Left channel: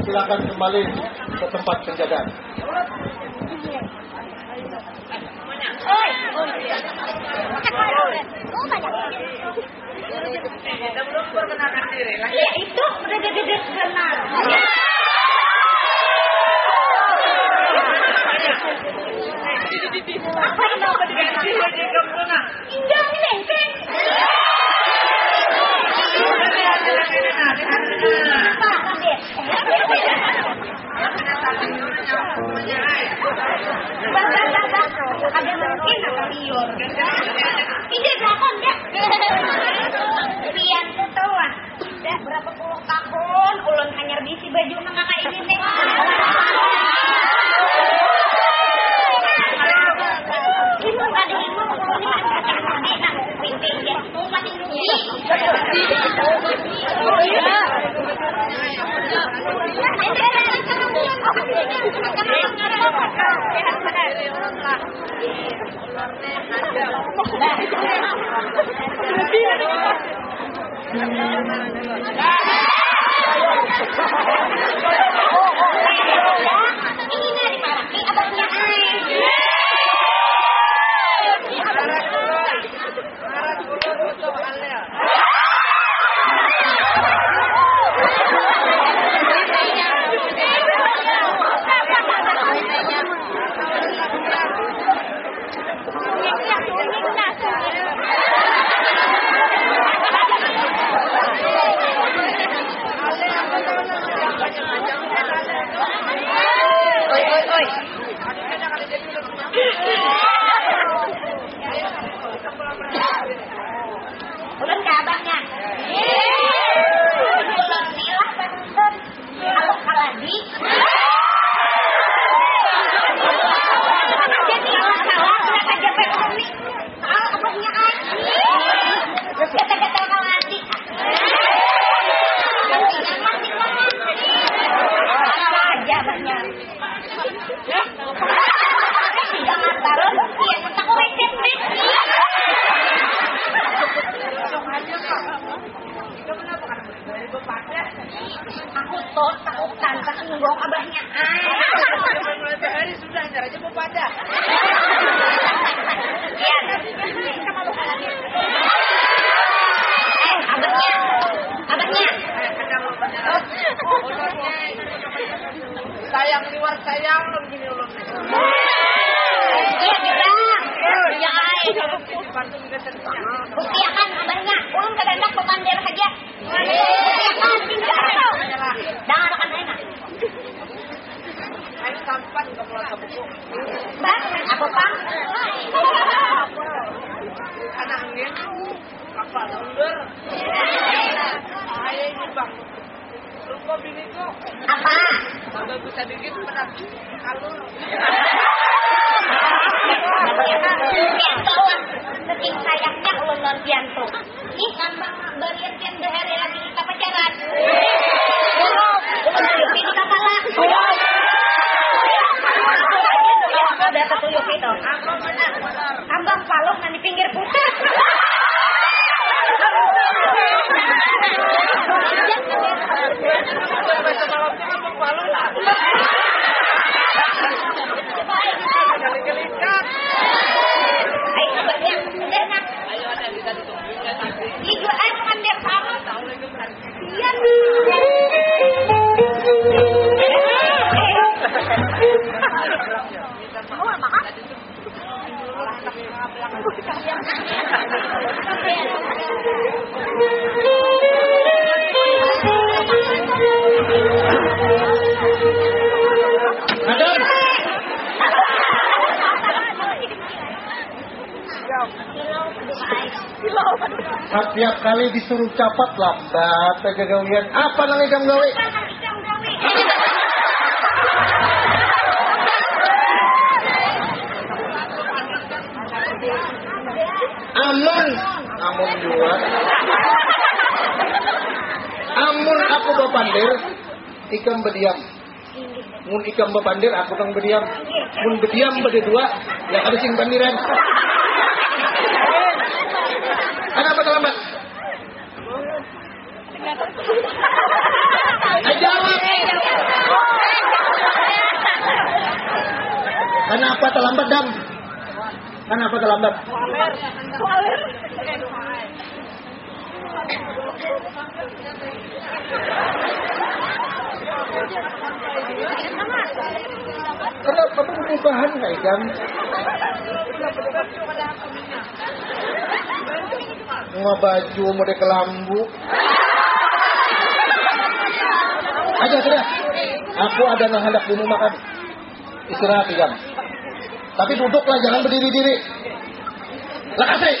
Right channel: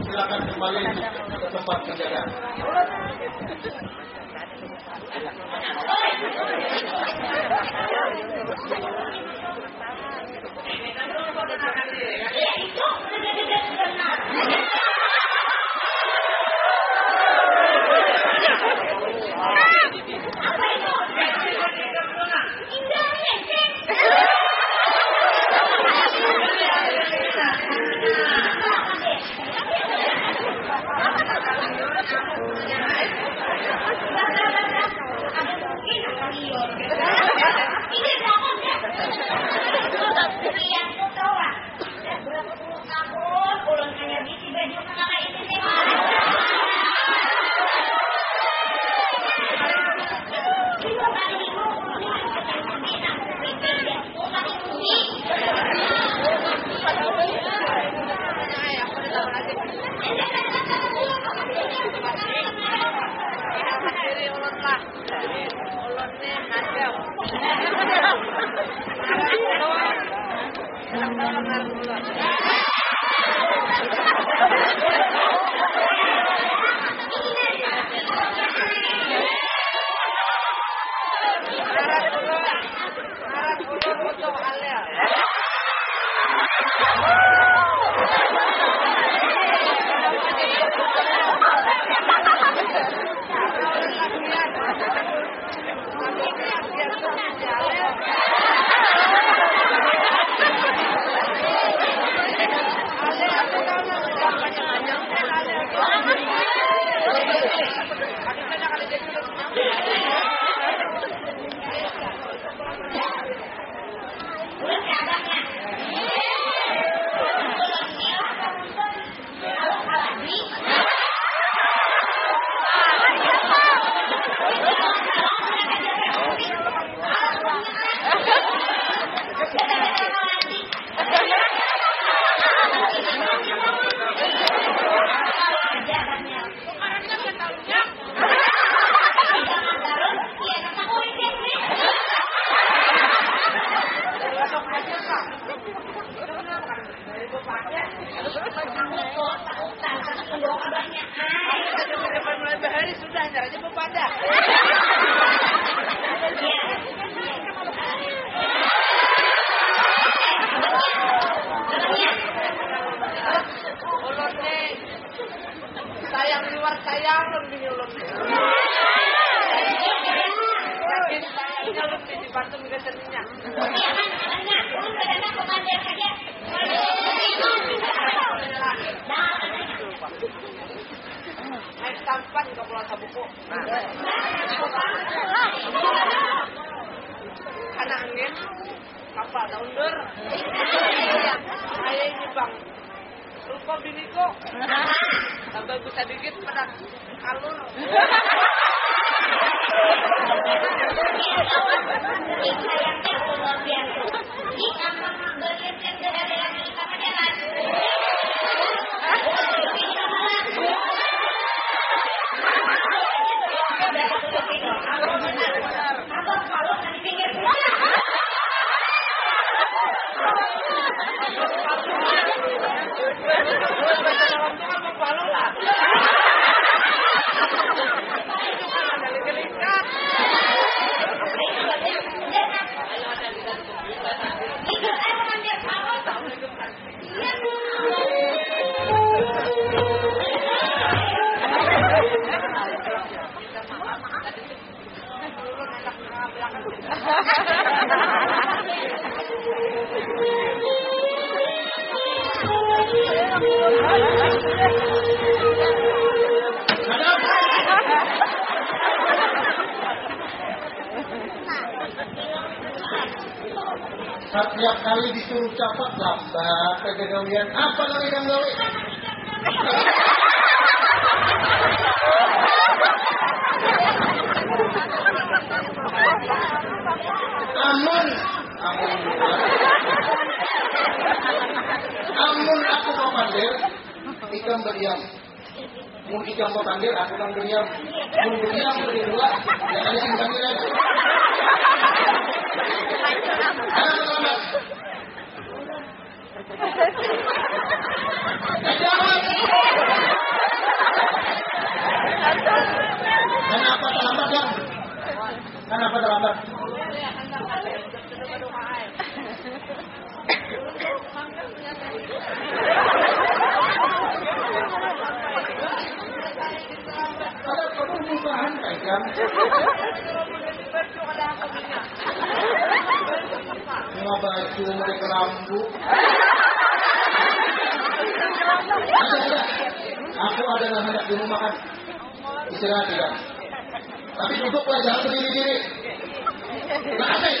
Silakan kembali ke tempat penjagaan. Ya itu udah gede benar. Apa yang mau diganti lagi kemana? Indah lengkeng. Ada mungkin apa liur? Ide belakang deh. Lihat ketuan. Dah berapa puluh tahun ulun hanya bisi baju mengapa ini nih. Kita tadi lima puluh enak pimpin dia umat ini. Sayang liwar sayang begini ulun. Iya kan banyak. Ulun kadang-kadang komandir saja. Jangan akan banyak. Naik sampan ke Pulau Sabuku. Bang, aku pang. Karena angin kapal undur. Saya ini bang. Lupa bini kok. Apa? Tambah bisa dikit pada kalur. Yang sayangnya ulun biantu. Ih, gampang berian dehari lagi kita pacaran. Kita salah. Udah ketuyuk itu. Abang palok nanti pinggir putar. Baca malam itu kan palu lah. Gelikan. Ayo ada kita ditungguin kan nanti. Itu air mengambil palok. Assalamualaikum kan. Iya. Setiap kali disuruh capat lambat aja kalian. Apa namanya kamu gawe? Amun buat. Amun aku bapandir, ikam berdiam. Mun ikam bapandir, aku kang berdiam. Mun berdiam berdua, yang ada sing pandiran. Kenapa standar. Kenapa perubahan kan? Mau baju mau kelambu. Aja sudah. Aku ada yang hendak minum makan. Istirahat jam. Tapi duduklah, jangan berdiri-diri. Makasih.